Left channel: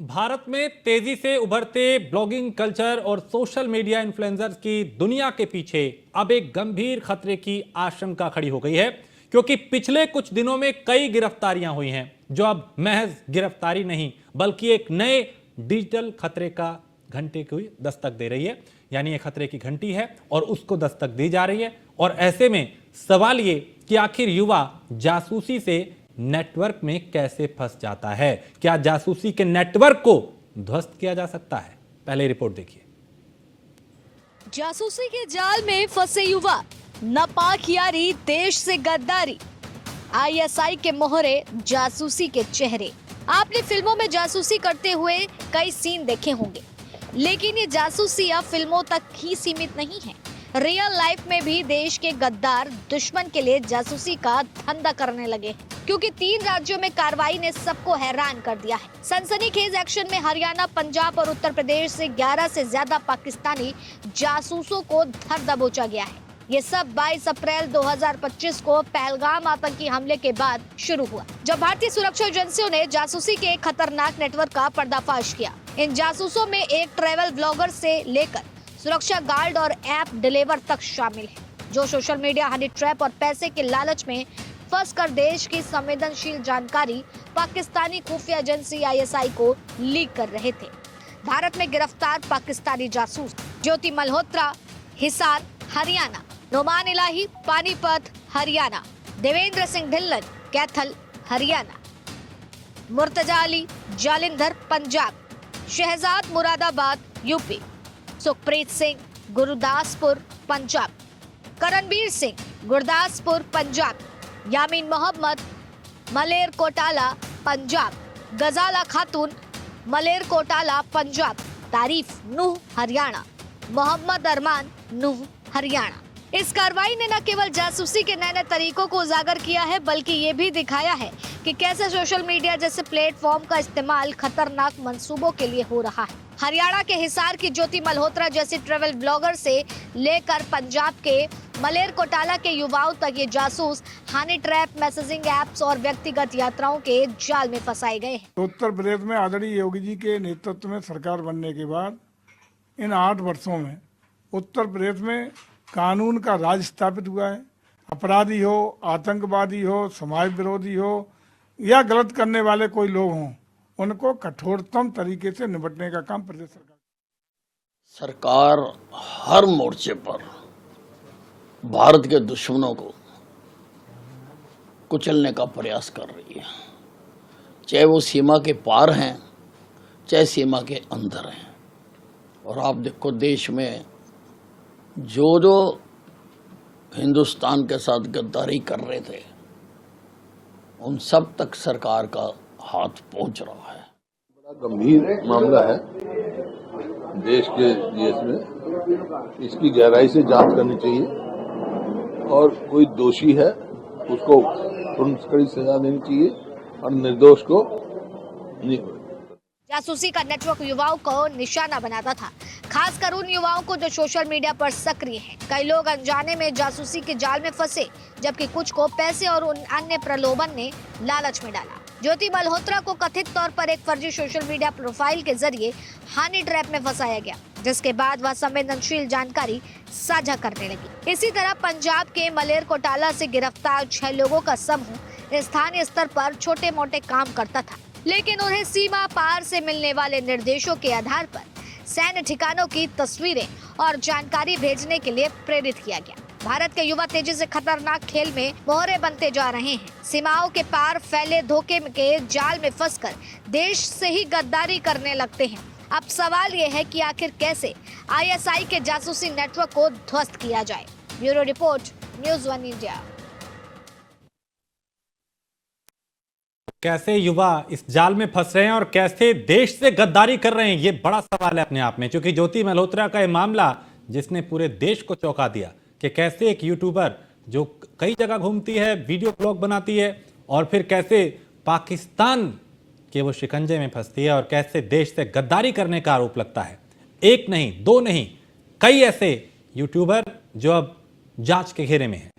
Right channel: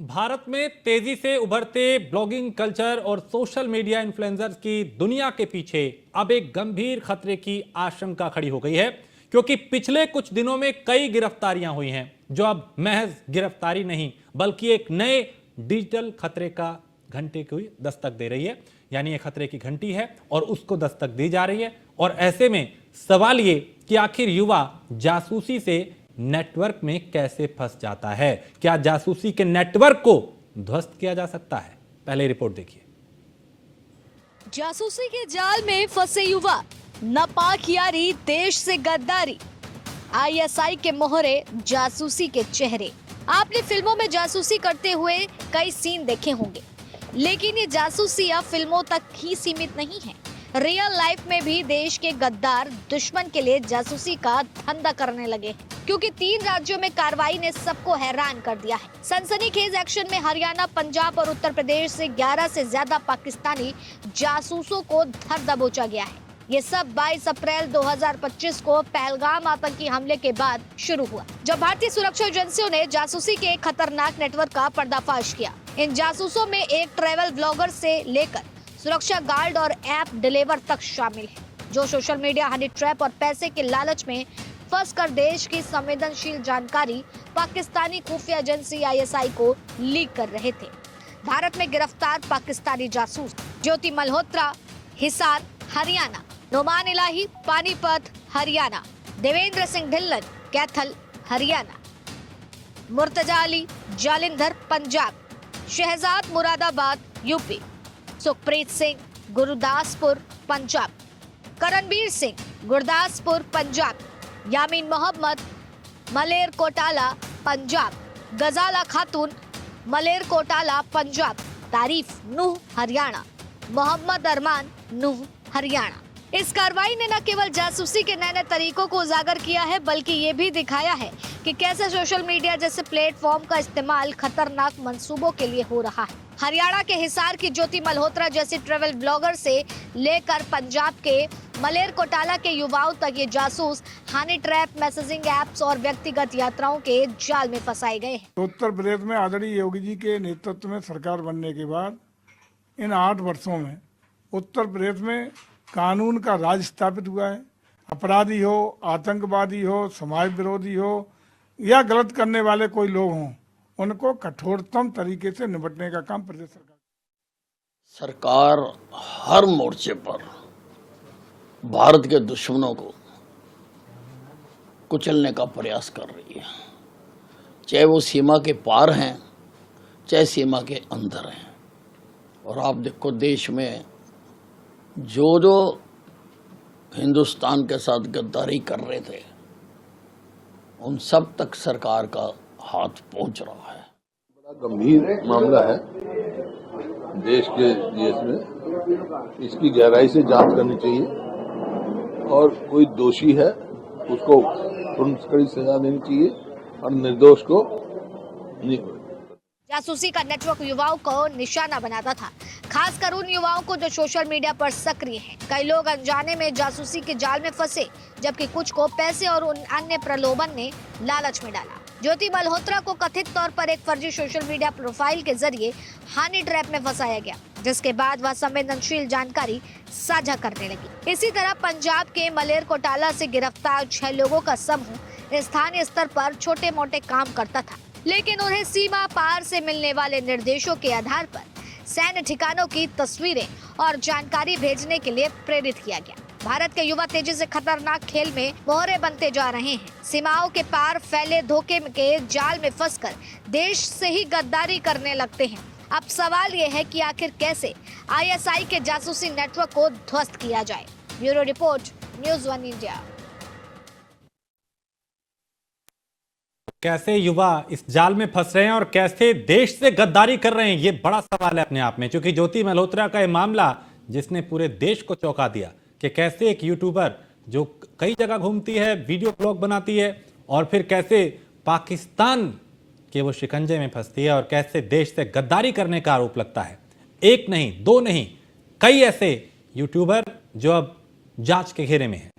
भारत में तेजी से उभरते ब्लॉगिंग कल्चर और सोशल मीडिया इन्फ्लुएंसर्स की दुनिया के पीछे अब एक गंभीर खतरे की आशंका खड़ी हो गई है, क्योंकि पिछले कुछ दिनों में कई गिरफ्तारियां हुई हैं जो अब महज गिरफ्तारी नहीं बल्कि एक नए डिजिटल खतरे का घंटे को दस्तक दे रही है। यानी ये खतरे की घंटी है और उसको दस्तक दी जा रही है। और ऐसे में सवाल ये कि आखिर युवा जासूसी से नेटवर्क में कैसे फंस जाता है। क्या जासूसी के नेटवर्क को ध्वस्त किया जा सकता है? पहले रिपोर्ट देखिए। जासूसी के जाल में फंसे युवा, नापाक यारी, देश से गद्दारी, आईएसआई के मोहरे, जासूसी के चेहरे। आपने फिल्मों में जासूसी करते हुए कई सीन देखे होंगे, लेकिन ये जासूसी अब फिल्मों तक ही सीमित नहीं है। रियल लाइफ में भी देश के गद्दार दुश्मन के लिए जासूसी का धंधा करने लगे, क्योंकि 3 राज्यों में कार्रवाई ने सबको हैरान कर दिया है। सनसनीखेज एक्शन में हरियाणा, पंजाब और उत्तर प्रदेश से 11 से ज्यादा पाकिस्तानी जासूसों को धर दबोचा गया है। ये सब 22 अप्रैल 2025 को पहलगाम आतंकी हमले के बाद शुरू हुआ, जब भारतीय सुरक्षा एजेंसियों ने जासूसी के एक खतरनाक नेटवर्क का पर्दाफाश किया। इन जासूसों में एक ट्रैवल ब्लॉगर से लेकर सुरक्षा गार्ड और ऐप डिलीवर तक शामिल है, जो सोशल मीडिया हनी ट्रैप और पैसे के लालच में फंसकर देश की संवेदनशील जानकारी पाकिस्तानी खुफिया एजेंसी आईएसआई को लीक कर रहे थे। भारत में गिरफ्तार पाकिस्तानी जासूस ज्योति मल्होत्रा, हिसार, हरियाणा; नोमान इलाही, पानीपत, हरियाणा; देवेंद्र सिंह ढिल्लन, कैथल, हरियाणा; मुर्तजा अली, जालिंधर, पंजाब; शहजाद, मुरादाबाद, यूपी; सुखप्रीत सिंह, गुरदासपुर, पंजाब; करणबीर सिंह, गुरदासपुर, पंजाब; यामीन मोहम्मद, मलेरकोटाला, पंजाब; गजाला खातून, मलेरकोटाला, पंजाब; तारीफ नूह, हरियाणा; मोहम्मद अरमान, नूह, हरियाणा। इस कार्रवाई ने न केवल जासूसी के नए नए तरीकों को उजागर किया है, बल्कि ये भी दिखाया है कि कैसे सोशल मीडिया जैसे प्लेटफॉर्म का इस्तेमाल खतरनाक मंसूबों के लिए हो रहा है। हरियाणा के हिसार की ज्योति मल्होत्रा जैसी ट्रैवल ब्लॉगर से लेकर पंजाब के मलेरकोटाला के युवाओं तक ये जासूस हनी ट्रैप, मैसेजिंग एप्स और व्यक्तिगत यात्राओं के जाल में फंसाए गए हैं। उत्तर प्रदेश में आदरणीय योगी जी के नेतृत्व में सरकार बनने के बाद इन 8 वर्षों में उत्तर प्रदेश में कानून का राज स्थापित हुआ है। अपराधी हो, आतंकवादी हो, समाज विरोधी हो या गलत करने वाले कोई लोग हों, उनको कठोरतम तरीके से निपटने का काम प्रदेश सरकार हर मोर्चे पर भारत के दुश्मनों को कुचलने का प्रयास कर रही है, चाहे वो सीमा के पार हैं, चाहे सीमा के अंदर हैं। और आप देखो, देश में जो हिंदुस्तान के साथ गद्दारी कर रहे थे, उन सब तक सरकार का हाथ पहुंच रहा है। बड़ा गंभीर मामला है देश में, इसकी गहराई से जांच करनी चाहिए और कोई दोषी है उसको तुरंत कड़ी सजा देनी चाहिए और निर्दोष को नहीं। जासूसी का नेटवर्क युवाओं को निशाना बनाता था, खासकर उन युवाओं को जो सोशल मीडिया पर सक्रिय हैं। कई लोग अनजाने में जासूसी के जाल में फंसे, जबकि कुछ को पैसे और उन अन्य प्रलोभन ने लालच में डाला। ज्योति मल्होत्रा को कथित तौर पर एक फर्जी सोशल मीडिया प्रोफाइल के जरिए हनी ट्रैप में फंसाया गया, जिसके बाद वह संवेदनशील जानकारी साझा करने लगी। इसी तरह पंजाब के मलेरकोटाला से गिरफ्तार 6 लोगों का समूह स्थानीय स्तर पर छोटे मोटे काम करता था, लेकिन उन्हें सीमा पार से मिलने वाले निर्देशों के आधार पर सैन्य ठिकानों की तस्वीरें और जानकारी भेजने के लिए प्रेरित किया गया। भारत के युवा तेजी से खतरनाक खेल में मोहरे बनते जा रहे हैं। सीमाओं के पार फैले धोखे के जाल में फंसकर देश से ही गद्दारी करने लगते हैं। अब सवाल ये है कि आखिर कैसे आईएसआई के जासूसी नेटवर्क को ध्वस्त किया जाए। Bureau report, news 1 India. कैसे युवा इस जाल में फंस रहे हैं और कैसे देश से गद्दारी कर रहे हैं, ये बड़ा सवाल है अपने आप में। क्योंकि ज्योति मल्होत्रा का ये मामला जिसने पूरे देश को चौंका दिया कि कैसे एक यूट्यूबर जो कई जगह घूमती है, वीडियो ब्लॉग बनाती है और फिर कैसे पाकिस्तान के वो शिकंजे में फंसती है और कैसे देश से गद्दारी करने का आरोप लगता है। 1 नहीं, 2 नहीं, कई ऐसे यूट्यूबर जो अब जांच के घेरे में हैं।